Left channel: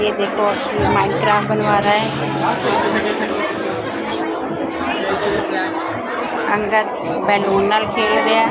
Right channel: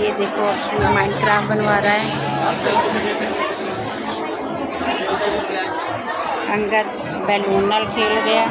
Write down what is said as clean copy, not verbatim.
ये देखो अक्षु माइनक्राफ्ट बनवा रहा है। अंगद बैलून नाल खेल रहा है।